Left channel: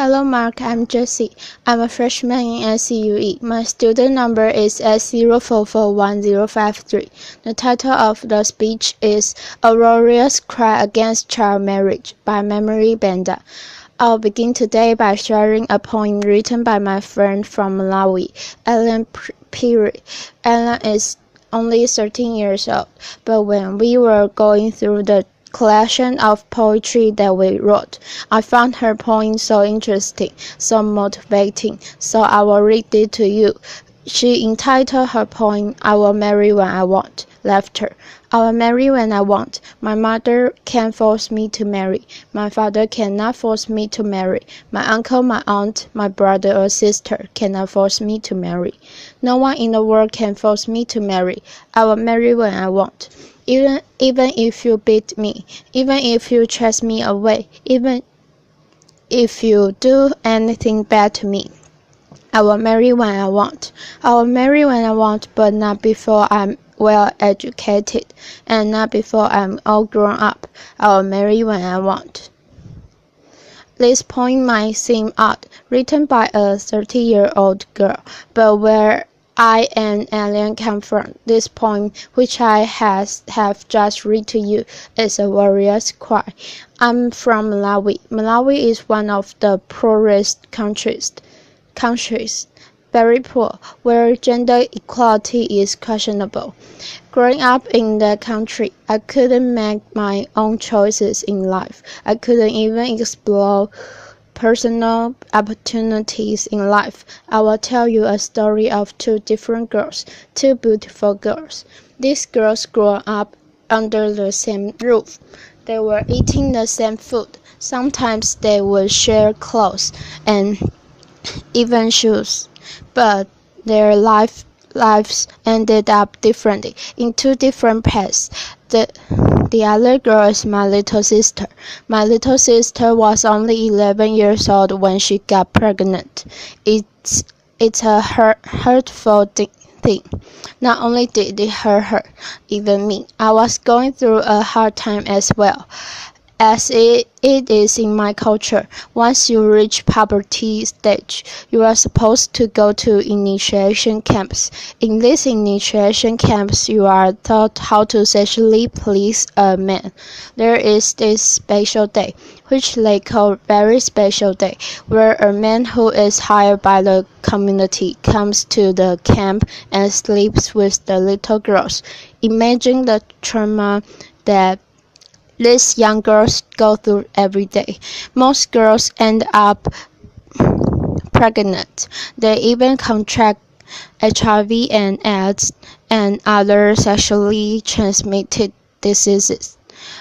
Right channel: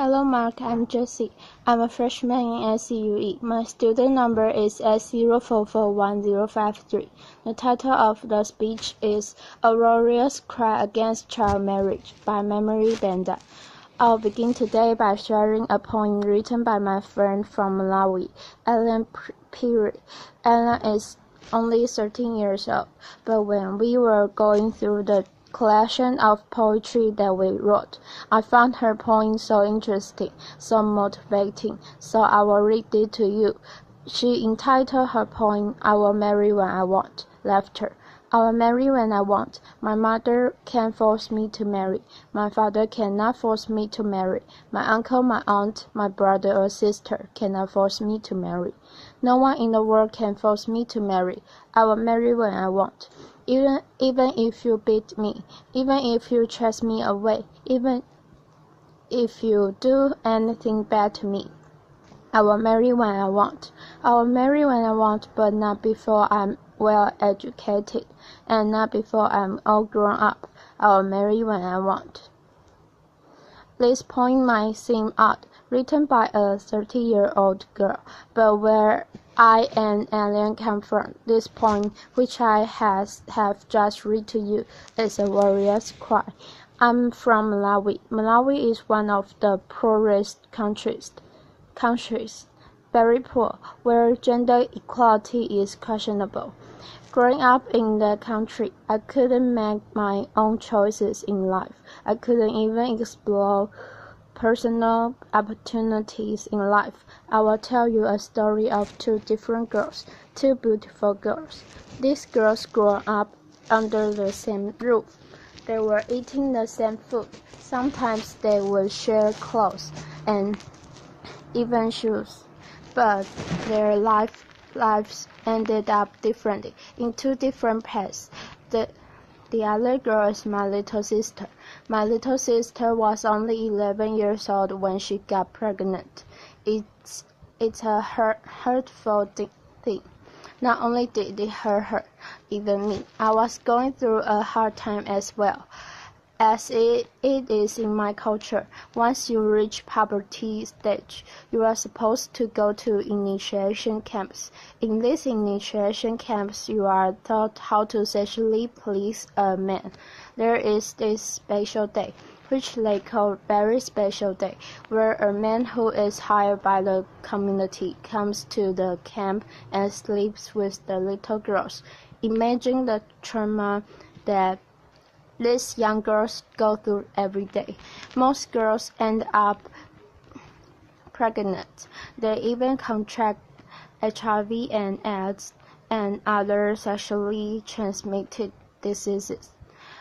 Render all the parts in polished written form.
Hello Mark, I'm Jessie. I'm a freshman in SCUE. My student number is S04411053. The title of the speech is A Warrior's Cry Against Child Marriage by Banda. I'll begin today by sharing a poem written by my friend from Malawi, Ellen Piri. Ellen is only 13 years old, but when we were going through the collection of poetry that we wrote, I found her poem so interesting, so motivating, so I will read it to you. She entitled her poem, I Will Marry When I Want. Laughter. I will marry when I want. My mother can't force me to marry. My father cannot force me to marry. My uncle, my aunt, my brother or sister cannot force me to marry. No one in the world can force me to marry. I will marry when I want. Even if you beat me, even if you chase me away, even if you do anything bad to me, I will marry when I want. I will marry when I want, but not before I'm well educated, and not before I'm all grown up. I will marry when I want. This poem might seem odd, written by a 30-year-old girl, but where I and Alien come from, this poem, which I have just read to you, is a warrior's cry. I'm from Malawi. Malawi is one of the poorest countries, very poor, where gender equality is questionable. Growing up in that country, I couldn't make my own choices in life. I couldn't even explore personal opportunities in life. I will tell you a story of two different girls, two beautiful girls. These girls grew up under the same roof. They were eating the same food. Sometimes they would share clothes and even shoes, but their lives ended up differently, in two different paths. The other girl is my little sister. My little sister was only 11 years old when she got pregnant. It's a hurtful thing. Not only did it hurt her, even me. I was going through a hard time as well. As it is in my culture, once you reach puberty stage, you are supposed to go to initiation camps. In these initiation camps, you are taught how to sexually please a man. There is this special day, which they call very special day, where a man who is hired by the community comes to the camp and sleeps with the little girls. Imagine the trauma that these young girls go through every day. Most girls end up pregnant. They even contract HIV and AIDS and other sexually transmitted diseases.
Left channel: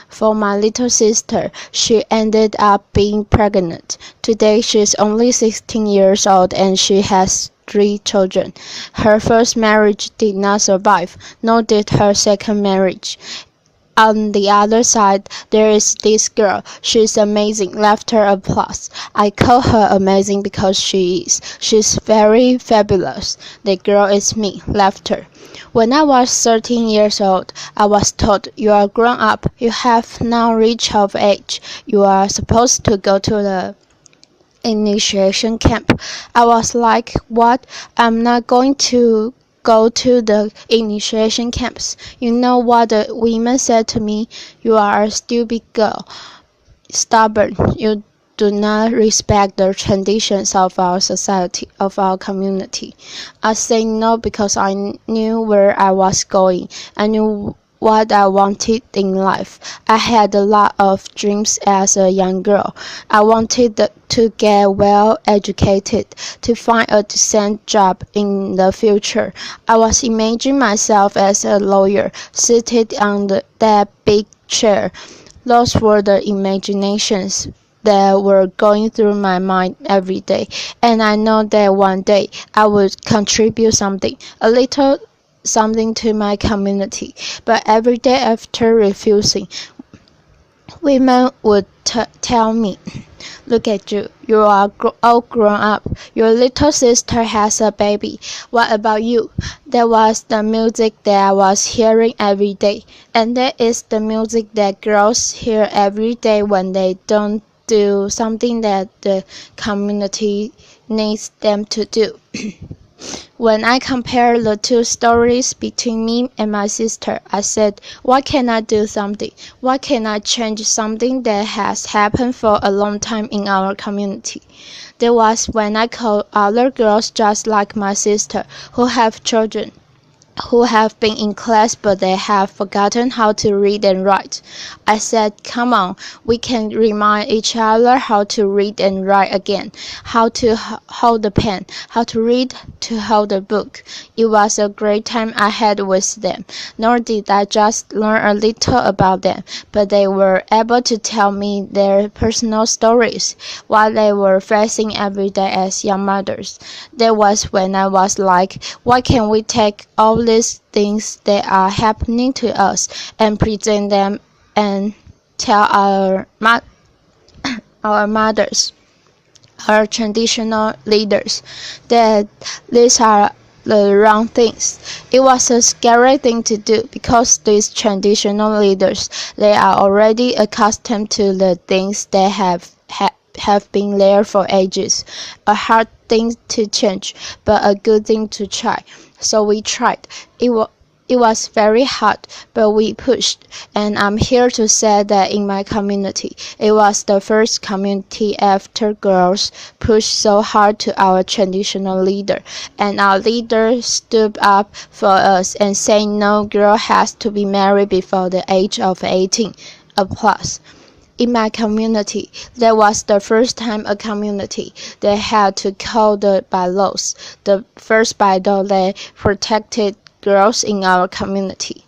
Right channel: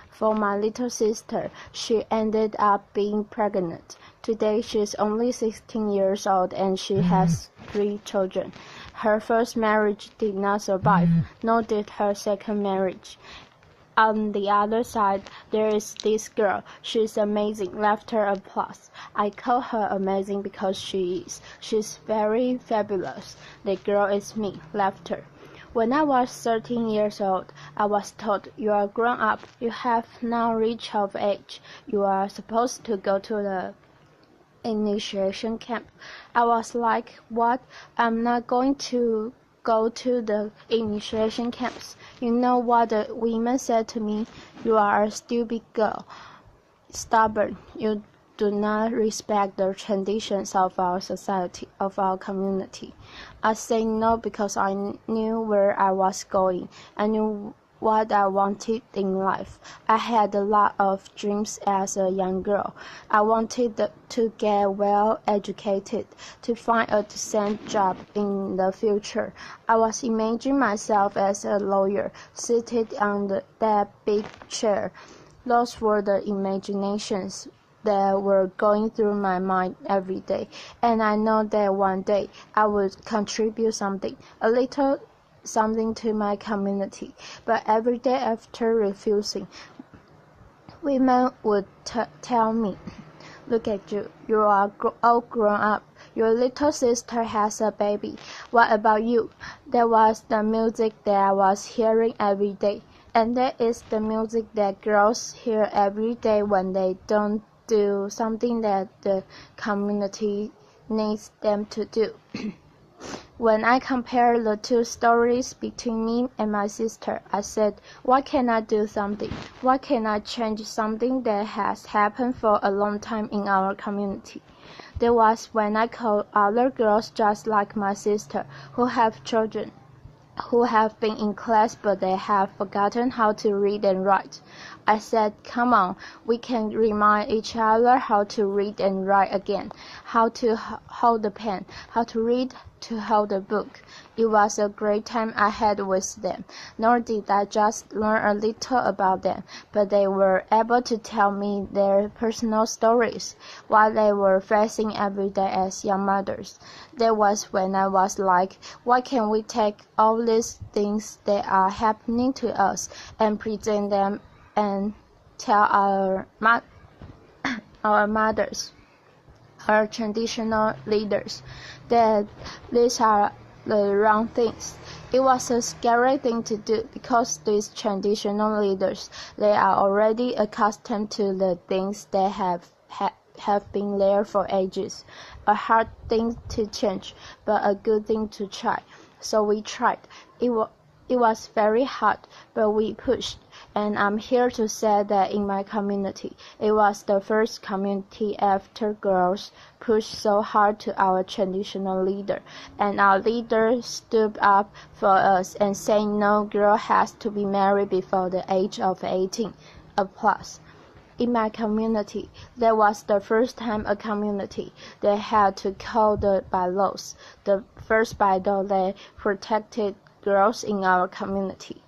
For my little sister, she ended up being pregnant. Today she's only 16 years old and she has 3 children. Her first marriage did not survive, nor did her second marriage. On the other side, there is this girl. She's amazing. Laughter applause. I call her amazing because she is. She's very fabulous. The girl is me. Laughter. When I was 13 years old, I was told, you are grown up. You have now reached of age. You are supposed to go to the initiation camp. I was like, what? I'm not going to go to the initiation camps. You know what the women said to me? You are a stupid girl, stubborn. You do not respect the traditions of our society, of our community. I said no because I knew where I was going. I knew what I wanted in life. I had a lot of dreams as a young girl. I wanted to get well educated, to find a decent job in the future. I was imagining myself as a lawyer, seated on that big chair. Those were the imaginations that were going through my mind every day, and I know that one day I would contribute something, a little something to my community. But every day after refusing, women would tell me, look at you, you are all grown up. Your little sister has a baby. What about you? That was the music that I was hearing every day. And that is the music that girls hear every day when they don't do something that the community needs them to do. When I compared the two stories between me and my sister, I said, why can't I do something? Why can't I change something that has happened for a long time in our community? That was when I called other girls just like my sister who have children, who have been in class but they have forgotten how to read and write. I said, come on, we can remind each other how to read and write again, how to hold the pen, how to read, to hold a book. It was a great time I had with them, nor did I just learn a little about them, but they were able to tell me their personal stories while they were facing every day as young mothers. That was when I was like, why can't we take all these things that are happening to us and present them and tell our mothers, our traditional leaders, that these are the wrong things. It was a scary thing to do because these traditional leaders, they are already accustomed to the things that have been there for ages. A hard thing to change, but a good thing to try. So we tried. It was very hard, but we pushed, and I'm here to say that in my community, it was the first community after girls pushed so hard to our traditional leader, and our leader stood up for us and said no girl has to be married before the age of 18. Applause. In my community, that was the first time a community that had to code the bylaws, the first bylaw that protected girls in our community.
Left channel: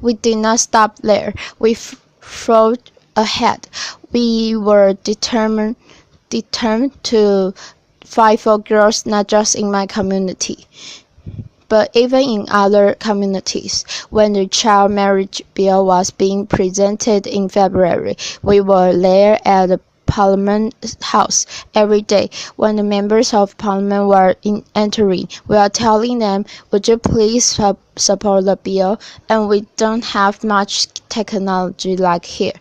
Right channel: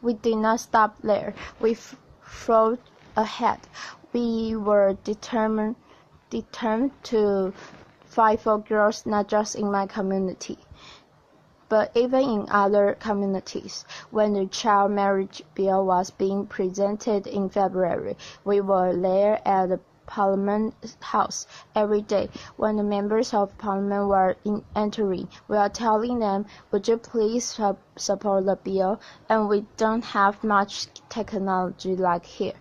We did not stop there. We forged ahead. We were determined to fight for girls, not just in my community, but even in other communities. When the child marriage bill was being presented in February, we were there at the Parliament House every day. When the members of Parliament were entering, we are telling them, would you please support the bill? And we don't have much technology like here,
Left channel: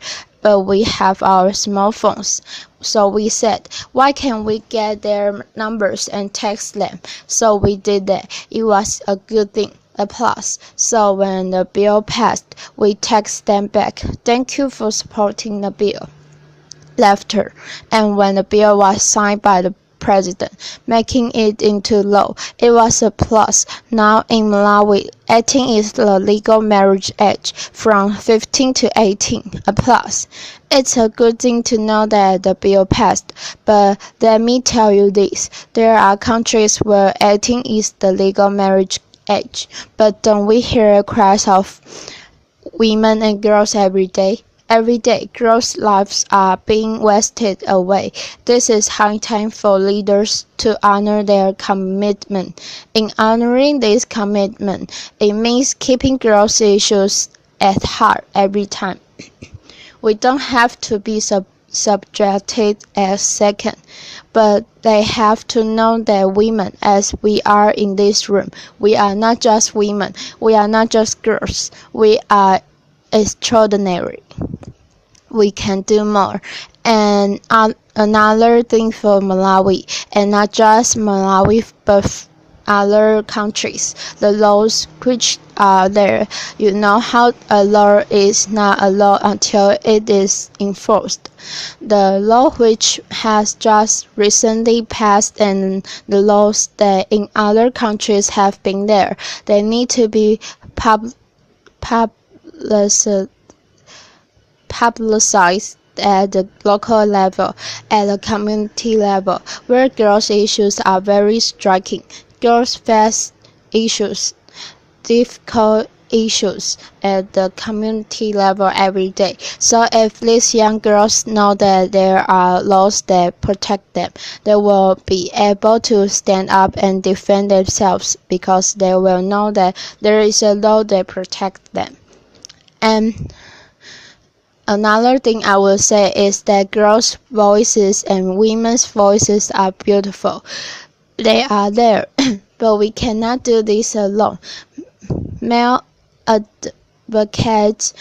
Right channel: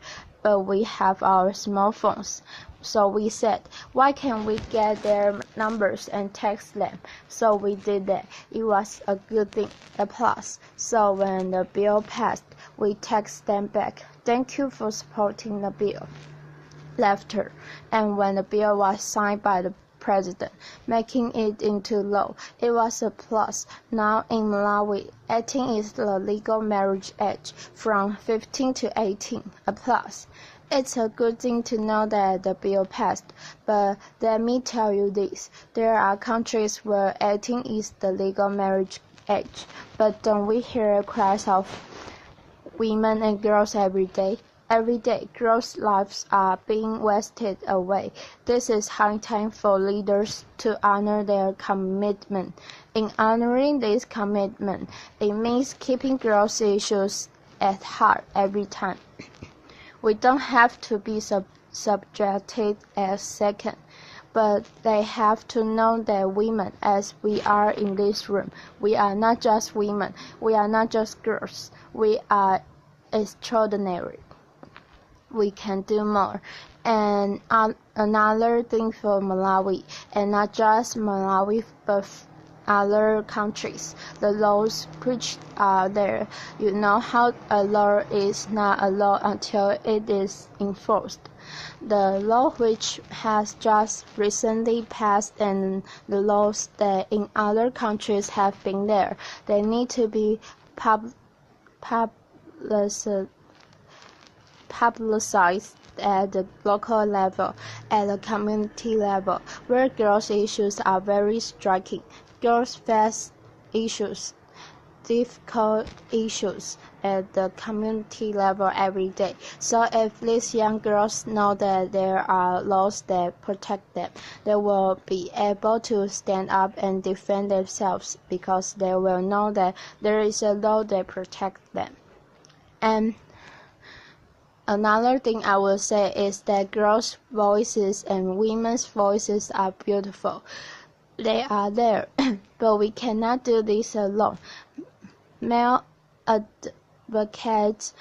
but we have our smartphones. So we said, why can't we get their numbers and text them? So we did that. It was a good thing. Applause. So when the bill passed, we text them back, thank you for supporting the bill. Laughter. And when the bill was signed by the president, making it into law, it was a plus. Now in Malawi, 18 is the legal marriage age, from 15 to 18. Applause. It's a good thing to know that the bill passed, but let me tell you this, there are countries where 18 is the legal marriage age, but don't we hear cries of women and girls every day? Every day, girls' lives are being wasted away. This is high time for leaders to honor their commitment. In honoring this commitment, it means keeping girls' issues at heart every time. We don't have to be subjected as second, but they have to know that women, as we are in this room, we are not just women, we are not just girls, we are extraordinary. We can do more. And another thing for Malawi, and not just Malawi, but other countries, the laws which are there. You know how a law is not a law until it is enforced. The law which has just recently passed and the laws that in other countries have been there, they need to be publicized at the local level, at the community level, where girls' issues are very striking. Girls face issues, difficult issues at the community level every day. So if these young girls know that there are laws that protect them, they will be able to stand up and defend themselves because they will know that there is a law that protects them. And another thing I will say is that girls' voices and women's voices are beautiful. They are there, but we cannot do this alone. Male advocates,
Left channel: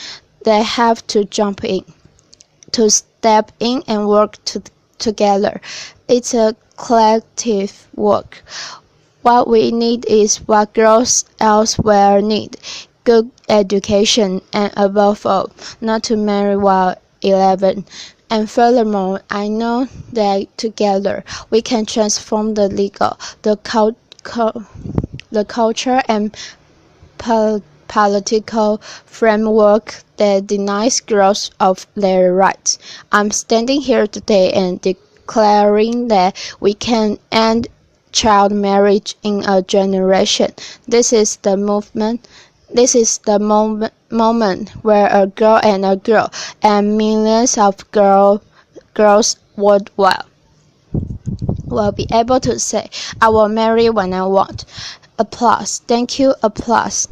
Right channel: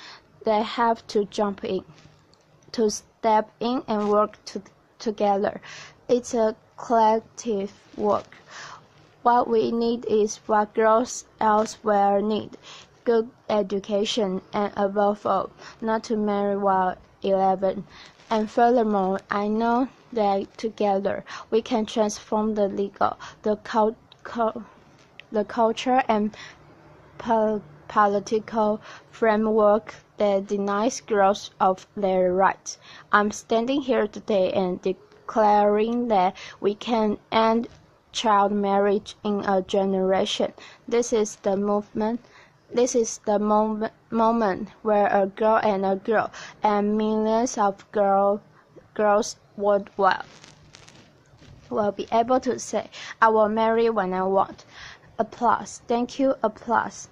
they have to jump in to step in and work together. It's a collective work. What we need is what girls elsewhere need: good education, and above all, not to marry while 11. And furthermore, I know that together we can transform the legal, the culture, and political framework that denies girls of their rights. I'm standing here today and declaring that we can end child marriage in a generation. This is the movement. This is the moment where a girl and millions of girls worldwide will be able to say, I will marry when I want. Applause. Thank you. Applause.